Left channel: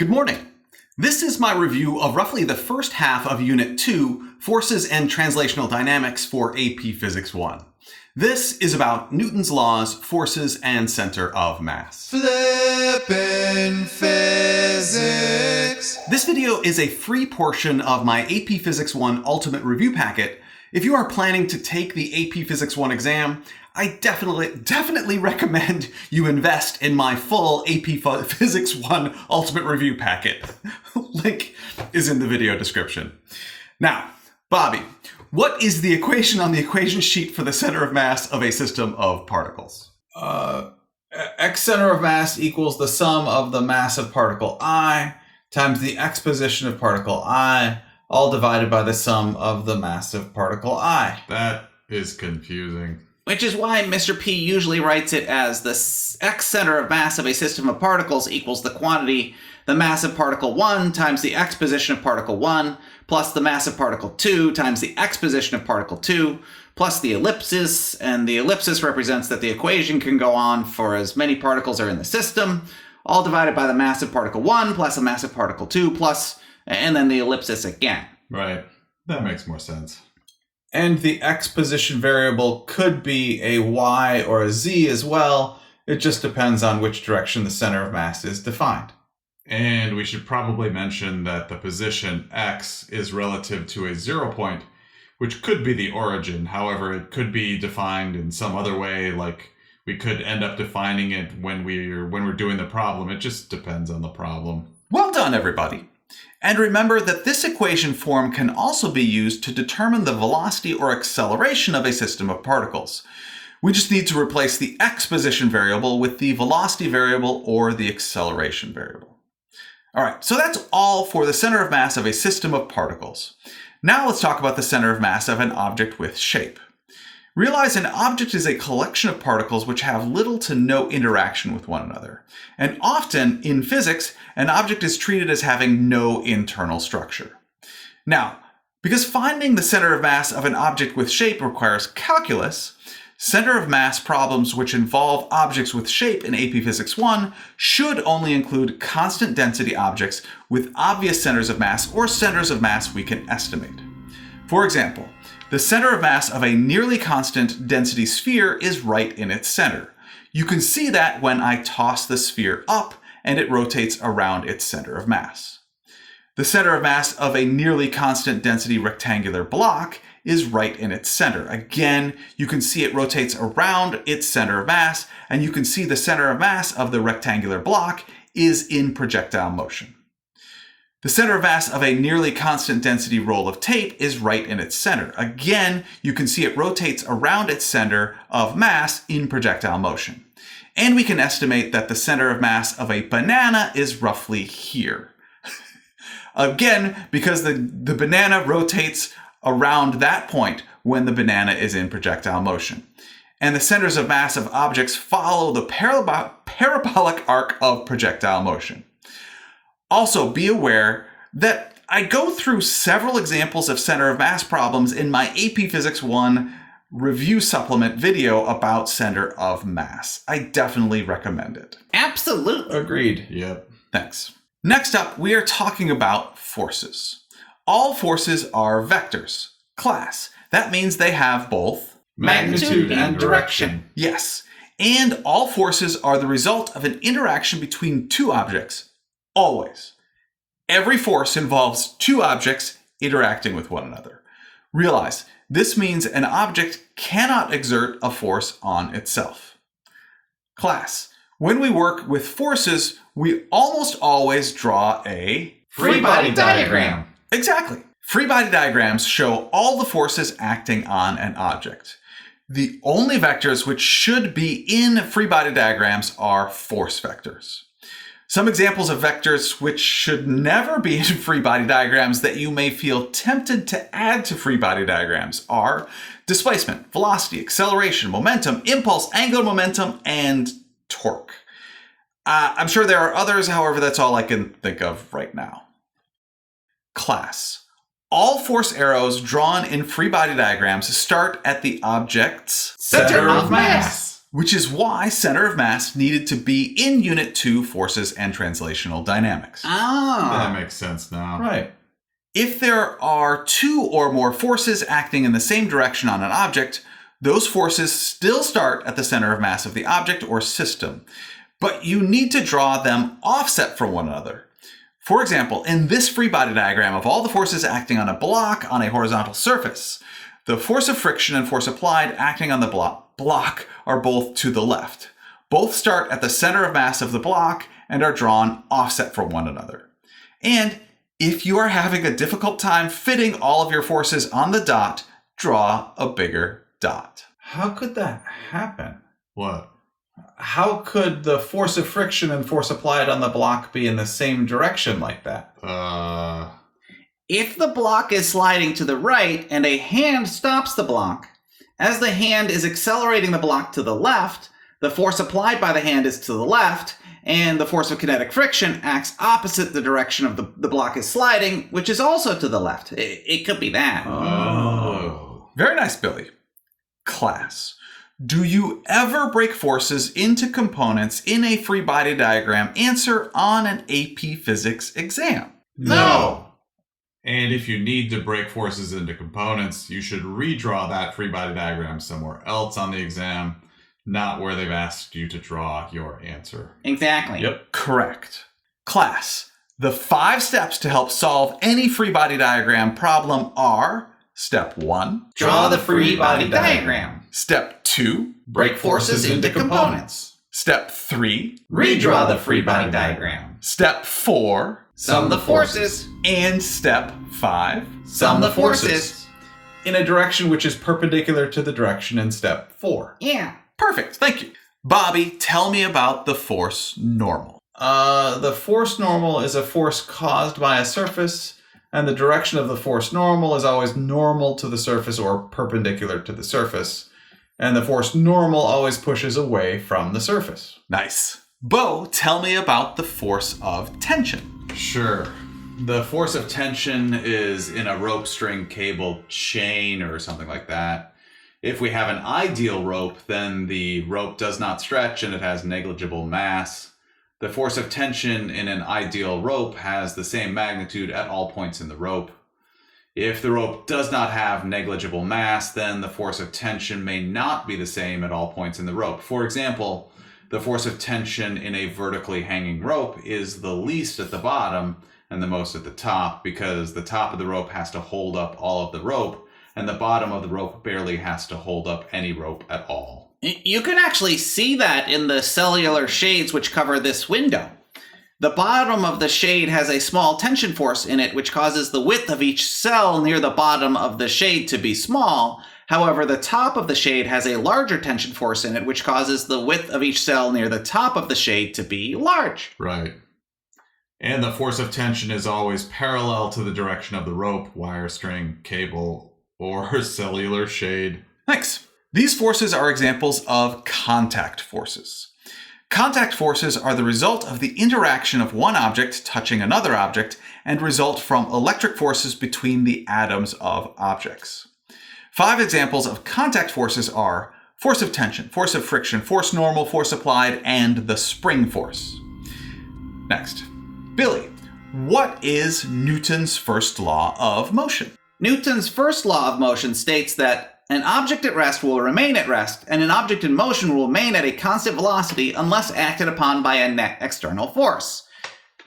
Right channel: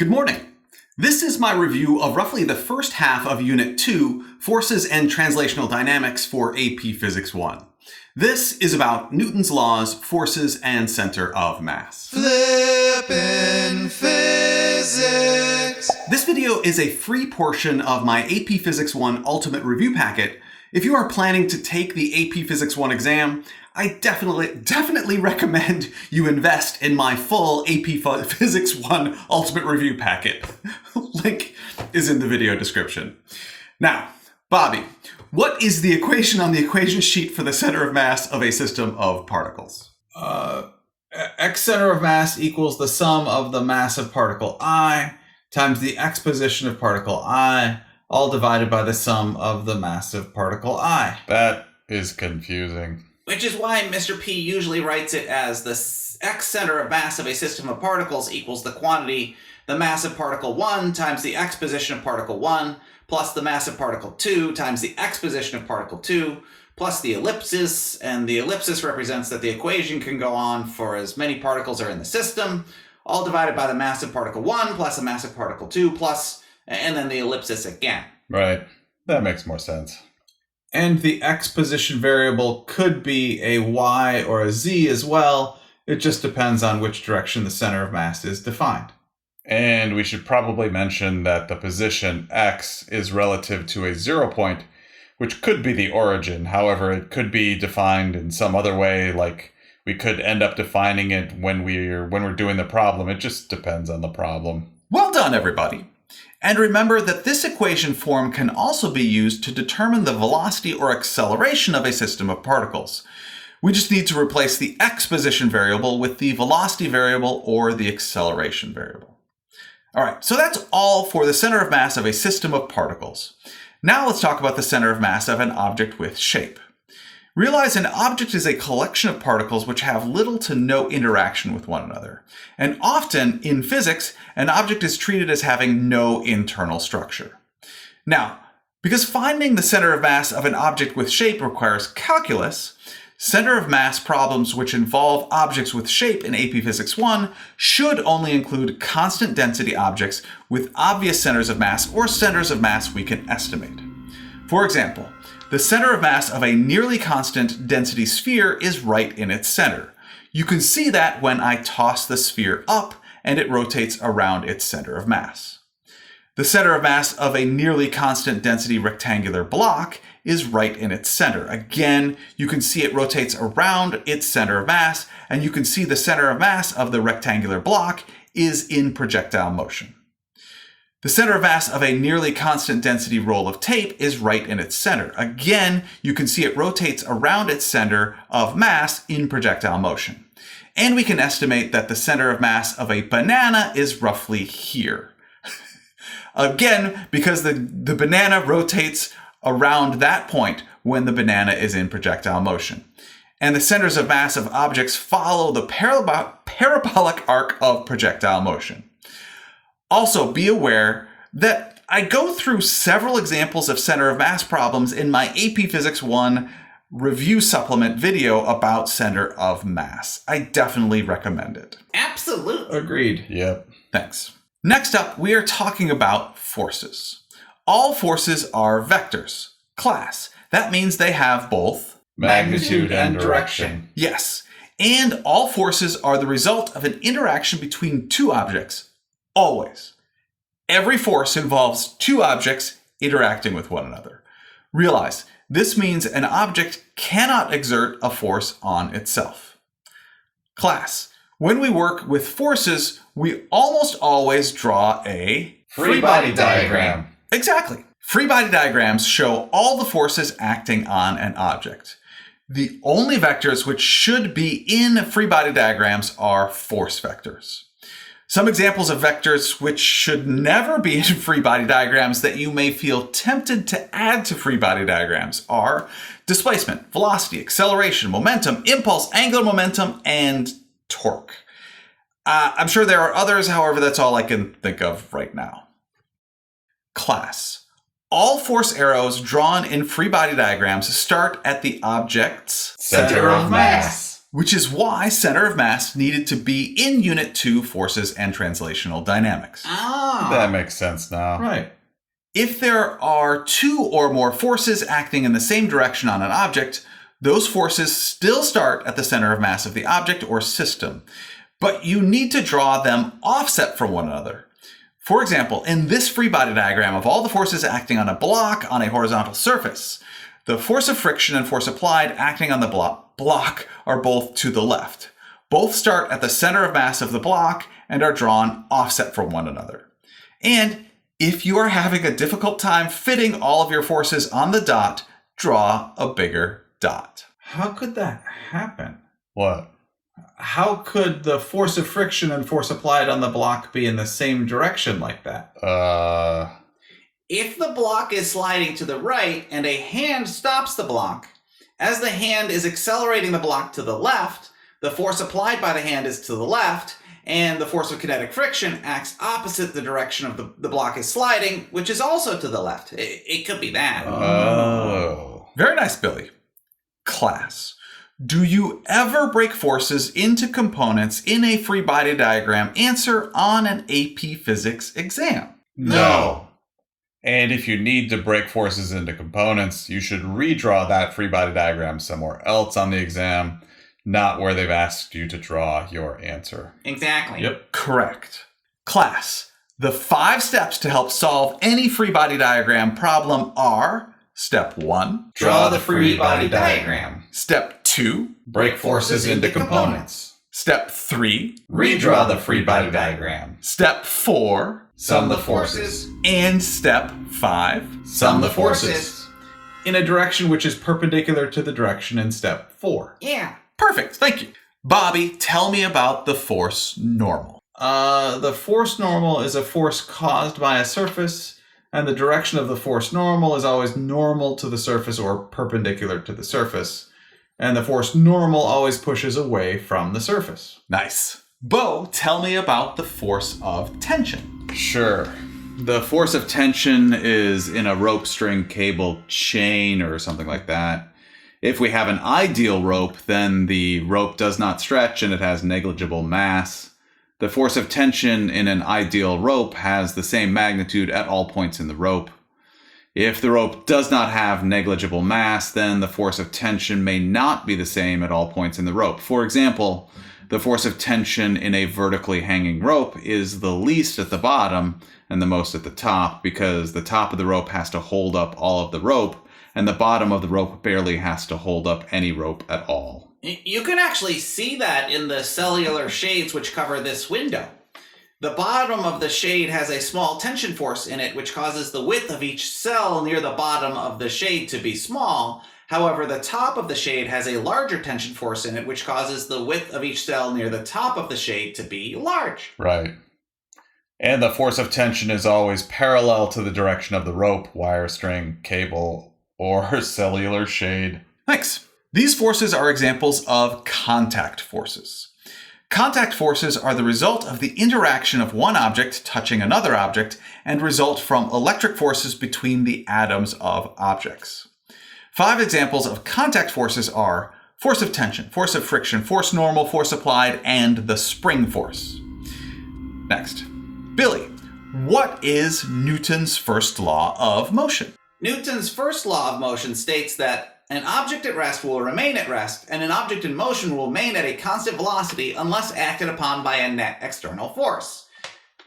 Good morning. This is my review of roughly the first half of Unit 2, Forces and Translational Dynamics for AP Physics 1. This is about Newton's laws, forces, and center of mass. Flippin' Physics! This video is a free portion of my AP Physics 1 Ultimate Review Packet. If you are planning to take the AP Physics 1 exam, I definitely recommend you invest in my full AP Physics 1 Ultimate Review Packet. Link is in the video description. Now, Bobby, what is the equation on the equation sheet for the center of mass of a system of particles? X center of mass equals the sum of the mass of particle I times the x position of particle I, all divided by the sum of the mass of particle I. That is confusing. Which is why Mr. P usually writes it as the x center of mass of a system of particles equals the quantity, the mass of particle 1 times the x position of particle 1, plus the mass of particle 2 times the x position of particle 2, plus the ellipsis, and the ellipsis represents that the equation can go on for as many particles are in the system, all divided by the mass of particle 1 plus the mass of particle 2 plus, and then the ellipsis again. Right. That makes more sense. And the x position variable could be a y or a z as well. It just depends on which direction the center of mass is defined. And we should probably mention that the position x is relative to a 0 point, which could be the origin. However, it could be defined in some other way, like we could end up defining it when we're doing the problem. It just depends on the problem. Well done, everybody. And remember that this equation form can also be used to determine the velocity or acceleration of a system of particles. We just need to replace the x position variable with the velocity variable or the acceleration variable. All right, so that's all for the center of mass of a system of particles. Now let's talk about the center of mass of an object with shape. Realize an object is a collection of particles which have little to no interaction with one another. And often, in physics, an object is treated as having no internal structure. Now, because finding the center of mass of an object with shape requires calculus, center of mass problems which involve objects with shape in AP Physics 1 should only include constant density objects with obvious centers of mass or centers of mass we can estimate. For example, the center of mass of a nearly constant density sphere is right in its center. You can see that when I toss the sphere up and it rotates around its center of mass. The center of mass of a nearly constant density rectangular block is right in its center. Again, you can see it rotates around its center of mass, and you can see the center of mass of the rectangular block is in projectile motion. The center of mass of a nearly constant density roll of tape is right in its center. Again, you can see it rotates around its center of mass in projectile motion. And we can estimate that the center of mass of a banana is roughly here. Again, because the banana rotates around that point when the banana is in projectile motion. And the centers of mass of objects follow the parabolic arc of projectile motion. Also, be aware that I go through several examples of center of mass problems in my AP Physics 1 review supplement video about center of mass. I definitely recommend it. Absolutely. Agreed. Yep. Thanks. Next up, we are talking about forces. All forces are vectors. Class. That means they have both Magnitude and direction. Yes. And all forces are the result of an interaction between two objects. Always. Every force involves two objects interacting with one another. Realize, this means an object cannot exert a force on itself. Class. When we work with forces, we almost always draw a Free body diagram. Exactly. Free body diagrams show all the forces acting on an object. The only vectors which should be in free body diagrams are force vectors. Some examples of vectors which should never be in free body diagrams that you may feel tempted to add to free body diagrams are displacement, velocity, acceleration, momentum, impulse, angular momentum, and torque. I'm sure there are others, however, that's all I can think of right now. Class. All force arrows drawn in free body diagrams start at the object's Center of mass. which is why center of mass needed to be in Unit 2 Forces and Translational Dynamics. Oh. That makes sense now. Right. If there are two or more forces acting in the same direction on an object, those forces still start at the center of mass of the object or system, but you need to draw them offset from one another. For example, in this free body diagram of all the forces acting on a block on a horizontal surface, the force of friction and force applied acting on the block are both to the left. Both start at the center of mass of the block and are drawn offset from one another. And if you are having a difficult time fitting all of your forces on the dot, draw a bigger dot. How could that happen? What? How could the force of friction and force applied on the block be in the same direction like that? If the block is sliding to the right and a hand stops the block, as the hand is accelerating the block to the left, the force applied by the hand is to the left, and the force of kinetic friction acts opposite the direction of the block is sliding, which is also to the left. It could be that. Oh. Very nice, Billy. Class, do you ever break forces into components in a free body diagram answer on an AP Physics exam? No. And if you need to break forces into components, you should redraw that free body diagram somewhere else on the exam, not where they've asked you to draw your answer. Exactly. Yep. Correct. Class, the 5 steps to help solve any free body diagram problem are: Step 1, Draw the free body diagram. Step 2, Break forces into components. Step 3, Redraw the free body diagram. Step 4, Sum the forces. and Step 5. Sum the forces. In a direction which is perpendicular to the direction in step 4. Yeah. Perfect, thank you. Bobby, tell me about the force normal. The force normal is a force caused by a surface, and the direction of the force normal is always normal to the surface or perpendicular to the surface. And the force normal always pushes away from the surface. Nice. Bo, tell me about the force of tension. Sure. The force of tension is in a rope, string, cable, chain, or something like that. If we have an ideal rope, then the rope does not stretch and it has negligible mass. The force of tension in an ideal rope has the same magnitude at all points in the rope. If the rope does not have negligible mass, then the force of tension may not be the same at all points in the rope. For example, the force of tension in a vertically hanging rope is the least at the bottom and the most at the top, because the top of the rope has to hold up all of the rope, and the bottom of the rope barely has to hold up any rope at all. You can actually see that in the cellular shades which cover this window. The bottom of the shade has a small tension force in it, which causes the width of each cell near the bottom of the shade to be small. However, the top of the shade has a larger tension force in it, which causes the width of each cell near the top of the shade to be large. Right. And the force of tension is always parallel to the direction of the rope, wire, string, cable, or cellular shade. Thanks. These forces are examples of contact forces. Contact forces are the result of the interaction of one object touching another object and result from electric forces between the atoms of objects. 5 examples of contact forces are force of tension, force of friction, force normal, force applied, and the spring force. Next, Billy, what is Newton's first law of motion? Newton's first law of motion states that an object at rest will remain at rest, and an object in motion will remain at a constant velocity unless acted upon by a net external force.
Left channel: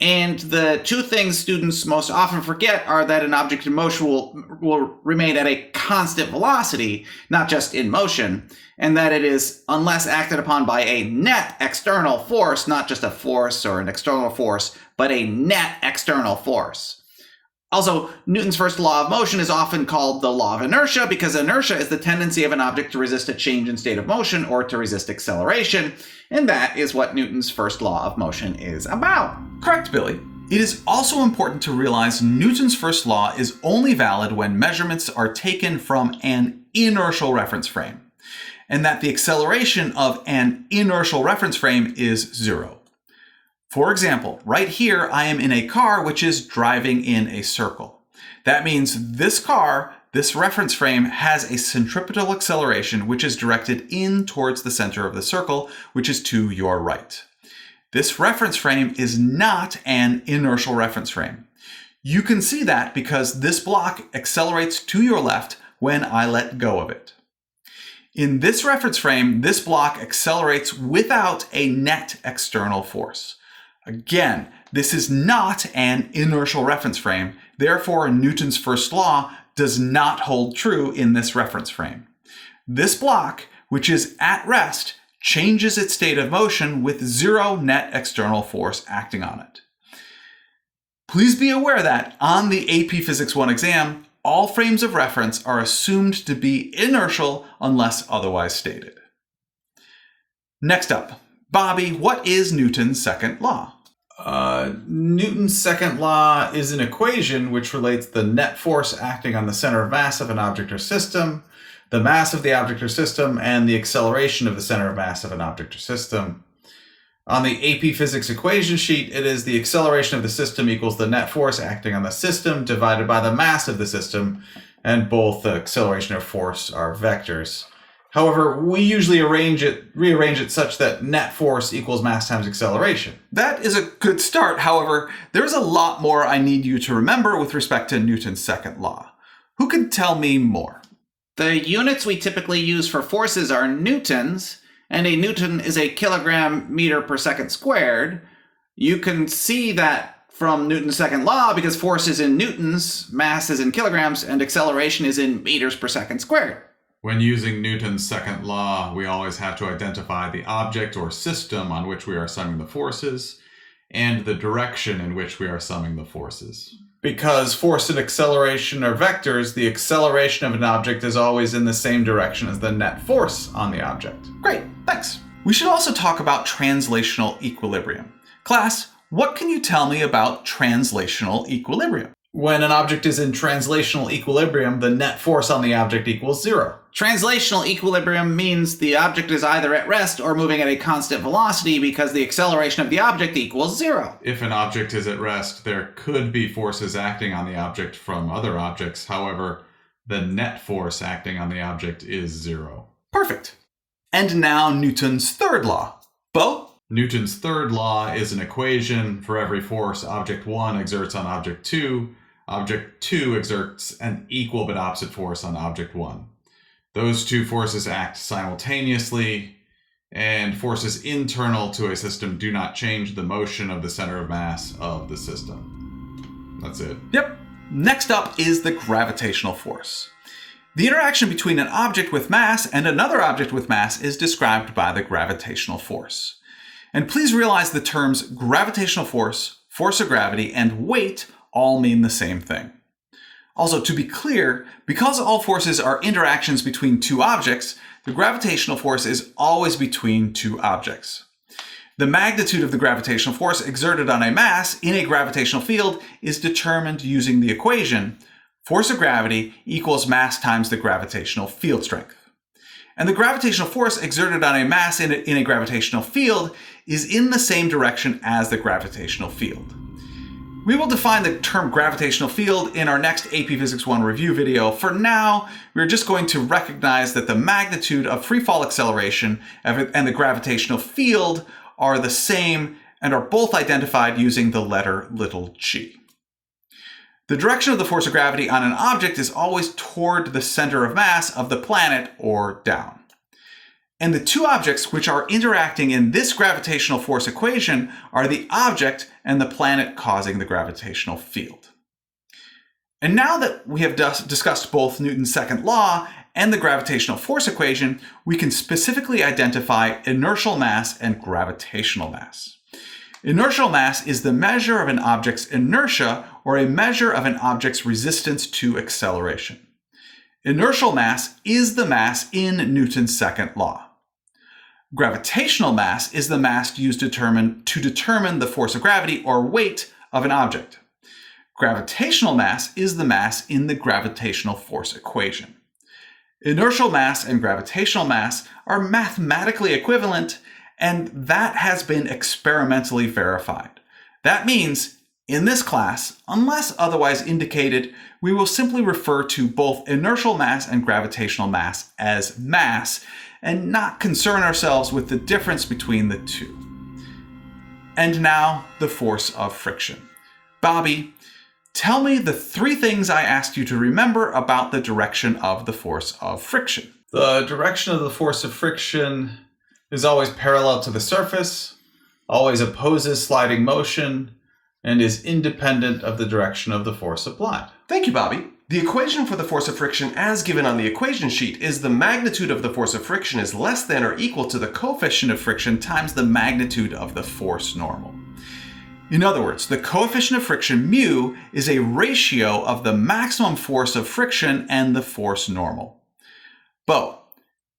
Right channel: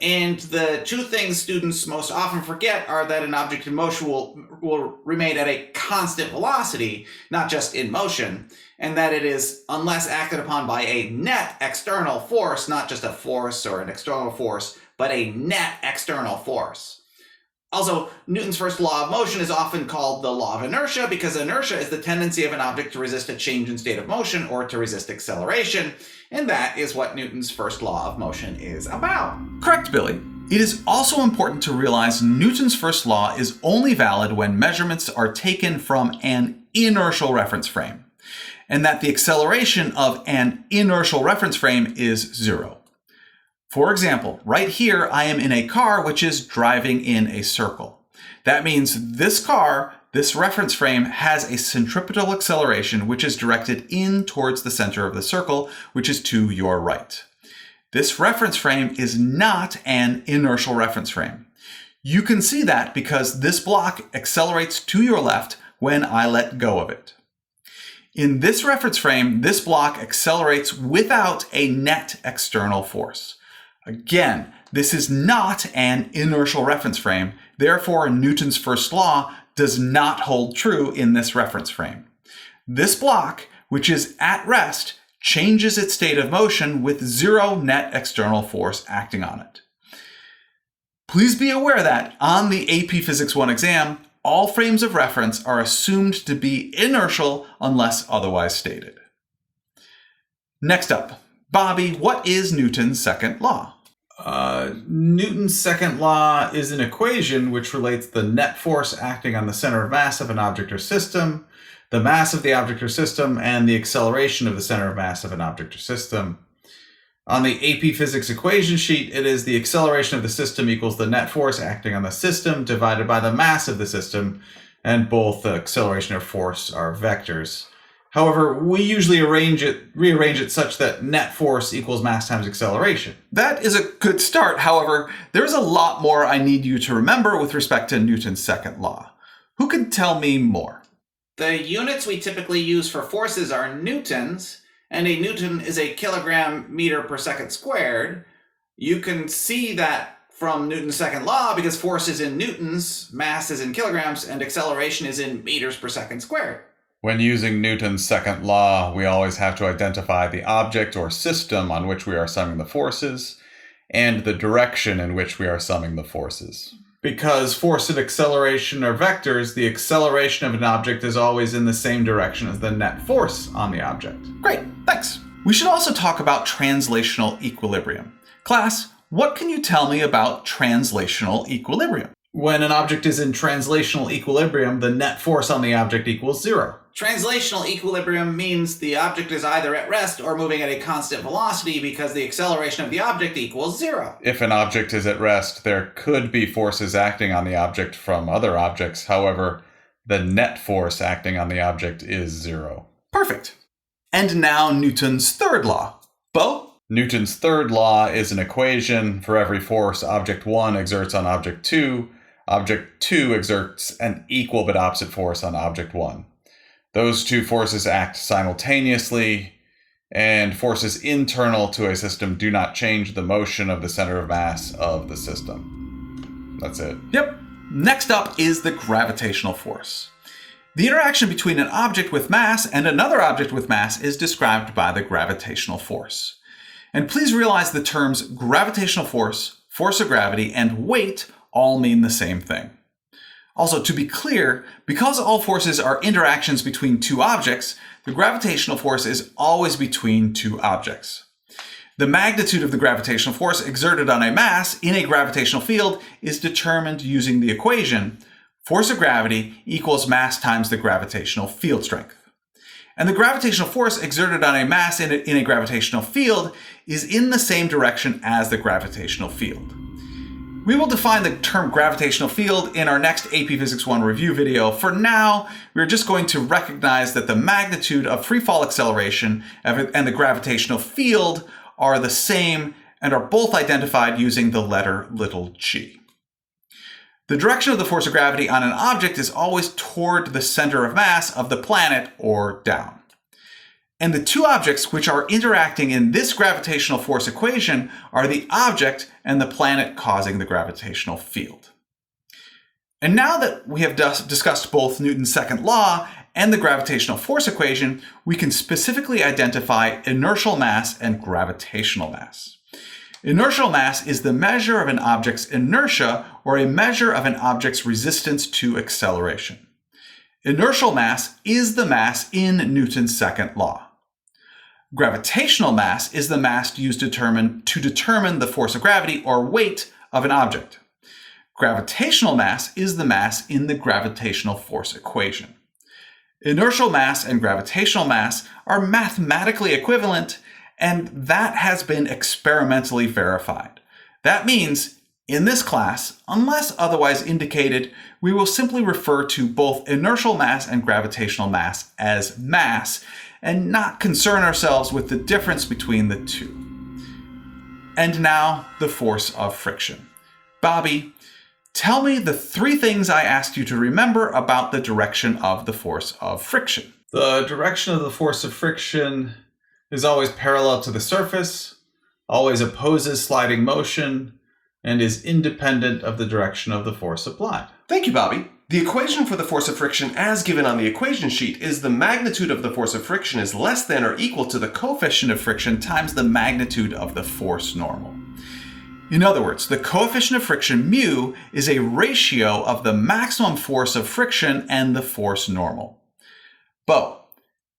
And the 2 things students most often forget are that an object in motion will remain at a constant velocity, not just in motion, and that it is unless acted upon by a net external force, not just a force or an external force, but a net external force. Also, Newton's first law of motion is often called the law of inertia because inertia is the tendency of an object to resist a change in state of motion or to resist acceleration, and that is what Newton's first law of motion is about. Correct, Billy. It is also important to realize Newton's first law is only valid when measurements are taken from an inertial reference frame, and that the acceleration of an inertial reference frame is 0. For example, right here I am in a car which is driving in a circle. That means this car this reference frame has a centripetal acceleration which is directed in towards the center of the circle, which is to your right. This reference frame is not an inertial reference frame. You can see that because this block accelerates to your left when I let go of it. In this reference frame, this block accelerates without a net external force. Again, this is not an inertial reference frame, therefore Newton's first law does not hold true in this reference frame. This block, which is at rest, changes its state of motion with zero net external force acting on it. Please be aware that on the AP Physics 1 exam, all frames of reference are assumed to be inertial unless otherwise stated. Next up, Bobby, what is Newton's second law? Newton's second law is an equation which relates the net force acting on the center of mass of an object or system, the mass of the object or system, and the acceleration of the center of mass of an object or system. On the AP Physics equation sheet, it is the acceleration of the system equals the net force acting on the system divided by the mass of the system, and both the acceleration and force are vectors. However, we usually rearrange it such that net force equals mass times acceleration. That is a good start. However, there's a lot more I need you to remember with respect to Newton's second law. Who can tell me more? The units we typically use for forces are newtons, and a newton is a kilogram meter per second squared. You can see that from Newton's second law because force is in newtons, mass is in kilograms, and acceleration is in meters per second squared. When using Newton's second law, we always have to identify the object or system on which we are summing the forces and the direction in which we are summing the forces. Because force and acceleration are vectors, the acceleration of an object is always in the same direction as the net force on the object. Great, thanks. We should also talk about translational equilibrium. Class, what can you tell me about translational equilibrium? When an object is in translational equilibrium, the net force on the object equals zero. Translational equilibrium means the object is either at rest or moving at a constant velocity because the acceleration of the object equals zero. If an object is at rest, there could be forces acting on the object from other objects. However, the net force acting on the object is zero. Perfect. And now Newton's third law. Bo? Newton's third law is an equation. For every force object 1 exerts on object 2, object 2 exerts an equal but opposite force on object 1. Those two forces act simultaneously, and forces internal to a system do not change the motion of the center of mass of the system. That's it. Yep. Next up is the gravitational force. The interaction between an object with mass and another object with mass is described by the gravitational force. And please realize the terms gravitational force, force of gravity, and weight all mean the same thing. Also, to be clear, because all forces are interactions between two objects, the gravitational force is always between two objects. The magnitude of the gravitational force exerted on a mass in a gravitational field is determined using the equation force of gravity equals mass times the gravitational field strength. And the gravitational force exerted on a mass in a gravitational field is in the same direction as the gravitational field. We will define the term gravitational field in our next AP Physics 1 review video. For now, we're just going to recognize that the magnitude of free fall acceleration and the gravitational field are the same and are both identified using the letter little g. The direction of the force of gravity on an object is always toward the center of mass of the planet or down. And the two objects which are interacting in this gravitational force equation are the object and the planet causing the gravitational field. And now that we have discussed both Newton's second law and the gravitational force equation, we can specifically identify inertial mass and gravitational mass. Inertial mass is the measure of an object's inertia or a measure of an object's resistance to acceleration. Inertial mass is the mass in Newton's second law. Gravitational mass is the mass used to determine the force of gravity or weight of an object. Gravitational mass is the mass in the gravitational force equation. Inertial mass and gravitational mass are mathematically equivalent, and that has been experimentally verified. That means In this class, unless otherwise indicated, we will simply refer to both inertial mass and gravitational mass as mass and not concern ourselves with the difference between the two. And now, the force of friction. Bobby, tell me the 3 things I asked you to remember about the direction of the force of friction. The direction of the force of friction is always parallel to the surface, always opposes sliding motion, and is independent of the direction of the force applied. Thank you, Bobby. The equation for the force of friction as given on the equation sheet is the magnitude of the force of friction is less than or equal to the Coefficient of friction times the magnitude of the force normal. In other words, the coefficient of friction mu is a ratio of the maximum force of friction and the force normal. Bo,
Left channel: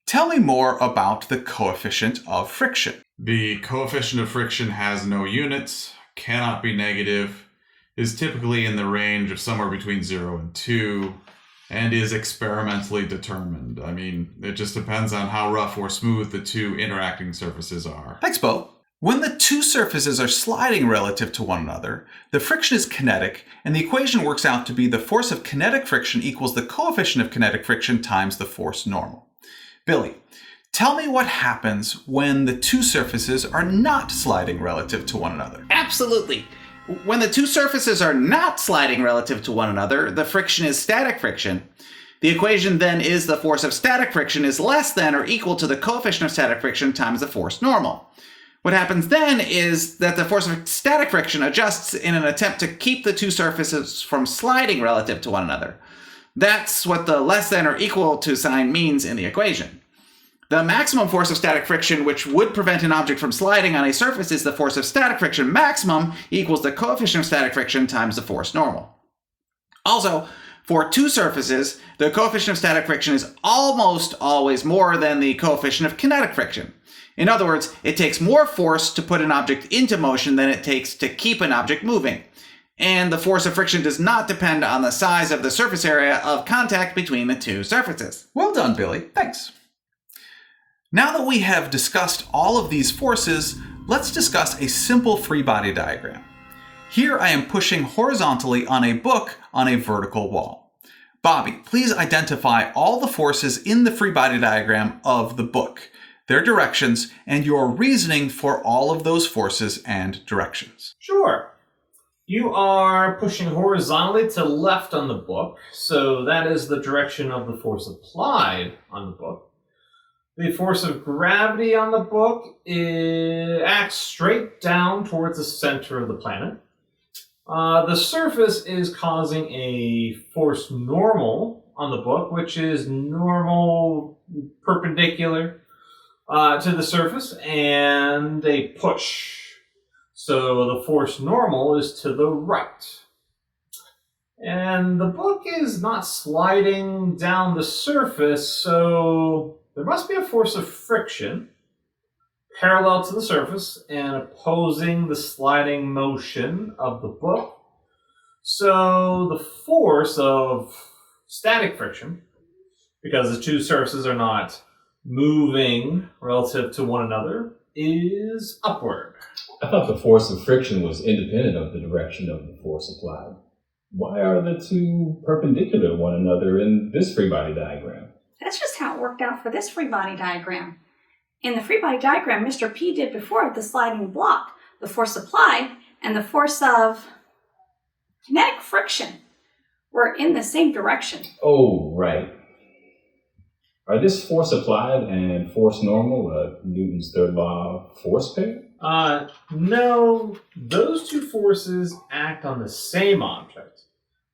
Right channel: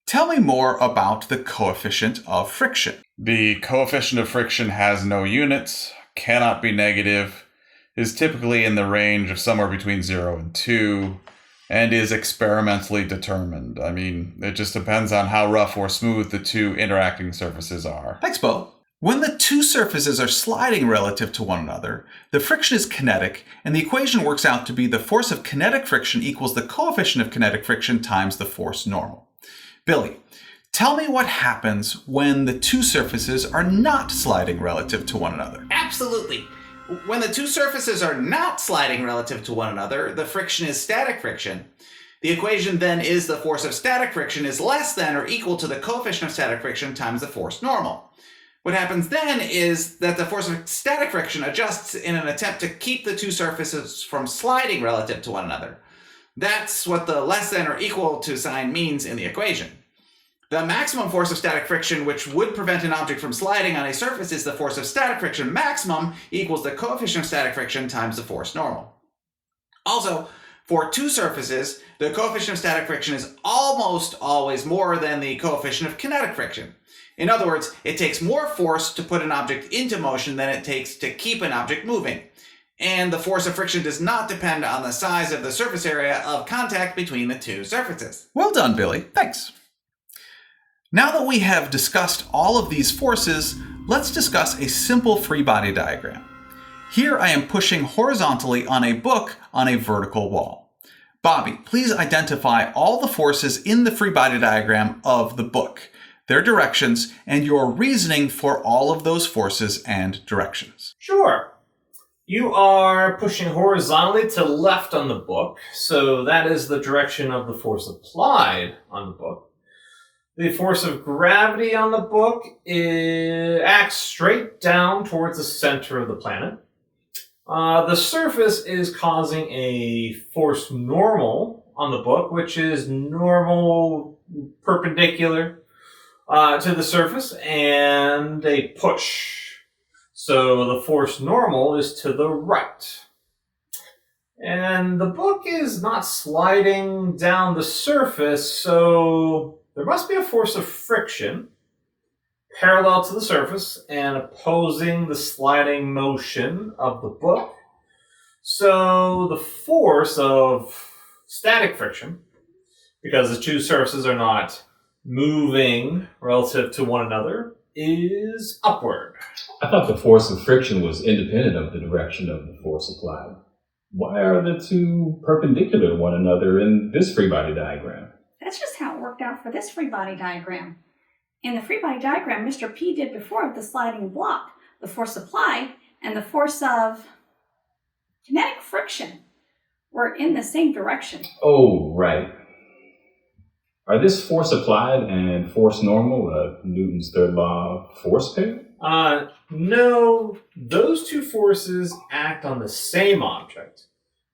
tell me more about the coefficient of friction. The coefficient of friction has no units, cannot be negative, is typically in the range of somewhere between 0 and 2, and is experimentally determined. I mean, it just depends on how rough or smooth the 2 interacting surfaces are. Thanks, Bo. When the 2 surfaces are sliding relative to one another, the friction is kinetic, and the equation works out to be the force of kinetic friction equals the coefficient of kinetic friction times the force normal. Billy, tell me what happens when the 2 surfaces are not sliding relative to one another. Absolutely. When the 2 surfaces are not sliding relative to one another, the friction is static friction. The equation then is the force of static friction is less than or equal to the coefficient of static friction times the force normal. What happens then is that the force of static friction adjusts in an attempt to keep the 2 surfaces from sliding relative to one another. That's what the less than or equal to sign means in the equation. The maximum force of static friction, which would prevent an object from sliding on a surface, is the force of static friction maximum equals the coefficient of static friction times the force normal. Also, for 2 surfaces, the coefficient of static friction is almost always more than the coefficient of kinetic friction. In other words, it takes more force to put an object into motion than it takes to keep an object moving. And the force of friction does not depend on the size of the surface area of contact between the 2 surfaces. Well done, Billy. Thanks. Now that we have discussed all of these forces, let's discuss a simple free body diagram. Here I am pushing horizontally on a book on a vertical wall. Bobby, please identify all the forces in the free body diagram of the book, their directions, and your reasoning for all of those forces and directions. Sure. You are pushing horizontally to left on the book, so that is the direction of the force applied on the book. The force of gravity on the book acts straight down towards the center of the planet. The surface is causing a force normal on the book, which is normal perpendicular to the surface, and a push. So the force normal is to the right. And the book is not sliding down the surface, so there must be a force of friction parallel to the surface and opposing the sliding motion of the book. So the force of static friction, because the 2 surfaces are not moving relative to one another, is upward. I thought the force of friction was independent of the direction of the force applied. Why are the 2 perpendicular to one another in this free body diagram? That's just how it worked out for this free body diagram. In the free body diagram, Mr. P did before with the sliding block, the force applied and the force of kinetic friction were in the same direction. Oh, right. Are this force applied and force normal a Newton's third law force pair? No, those 2 forces act on the same object,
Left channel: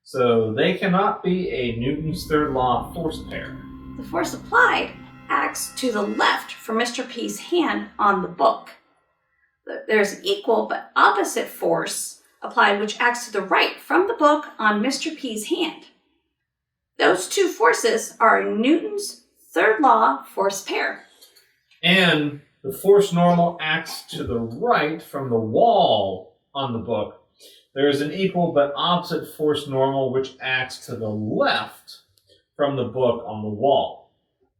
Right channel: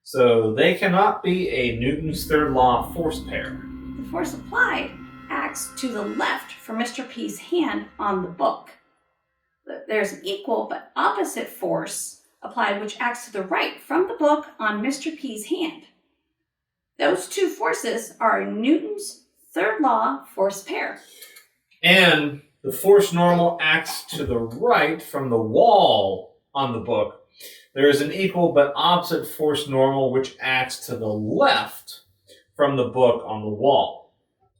so they cannot be a Newton's third law force pair. The force applied acts to the left from Mr. P's hand on the book. There's an equal but opposite force applied which acts to the right from the book on Mr. P's hand. Those 2 forces are Newton's third law force pair. And the force normal acts to the right from the wall on the book. There is an equal but opposite force normal which acts to the left from the book on the wall.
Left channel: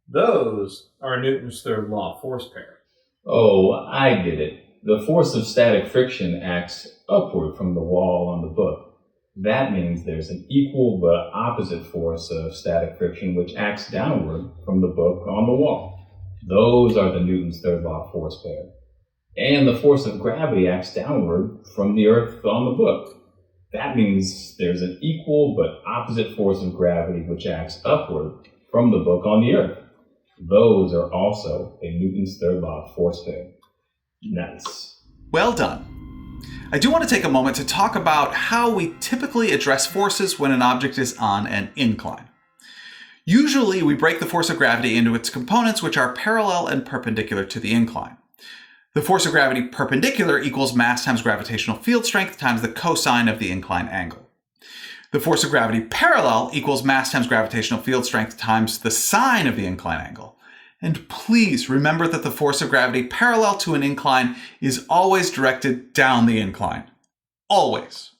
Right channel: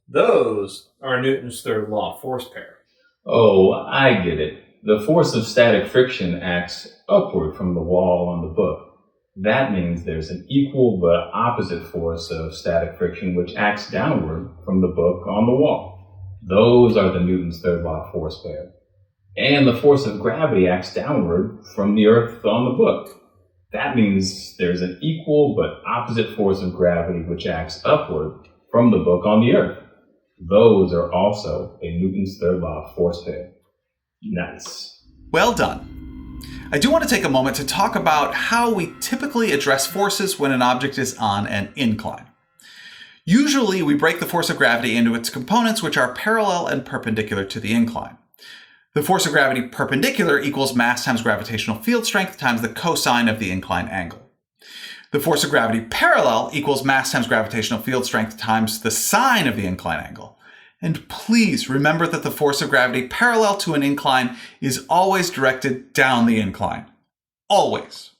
Those are Newton's third law force pair. Oh, I get it. the force of static friction acts upward from the wall on the book. That means there's an equal but opposite force of static friction which acts downward from the book on the wall. Those are the Newton's third law force pair. And the force of gravity acts downward from the earth on the book. That means there's an equal but opposite force of gravity which acts upward from the book on the earth. Those are also a Newton's third law force pair. Nice. Well done. I do want to take a moment to talk about how we typically address forces when an object is on an incline. Usually, we break the force of gravity into its components, which are parallel and perpendicular to the incline. The force of gravity perpendicular equals mass times gravitational field strength times the cosine of the incline angle. The force of gravity parallel equals mass times gravitational field strength times the sine of the incline angle. And please remember that the force of gravity parallel to an incline is always directed down the incline. Always.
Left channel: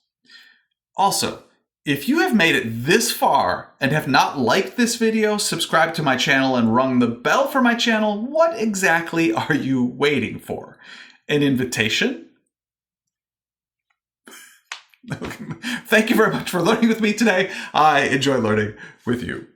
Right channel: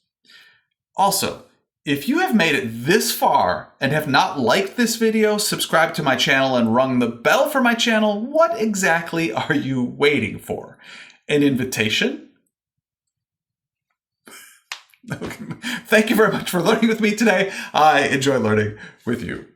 Also, if you have made it this far and have not liked this video, subscribed to my channel, and rung the bell for my channel, what exactly are you waiting for? An invitation? Thank you very much for learning with me today. I enjoy learning with you.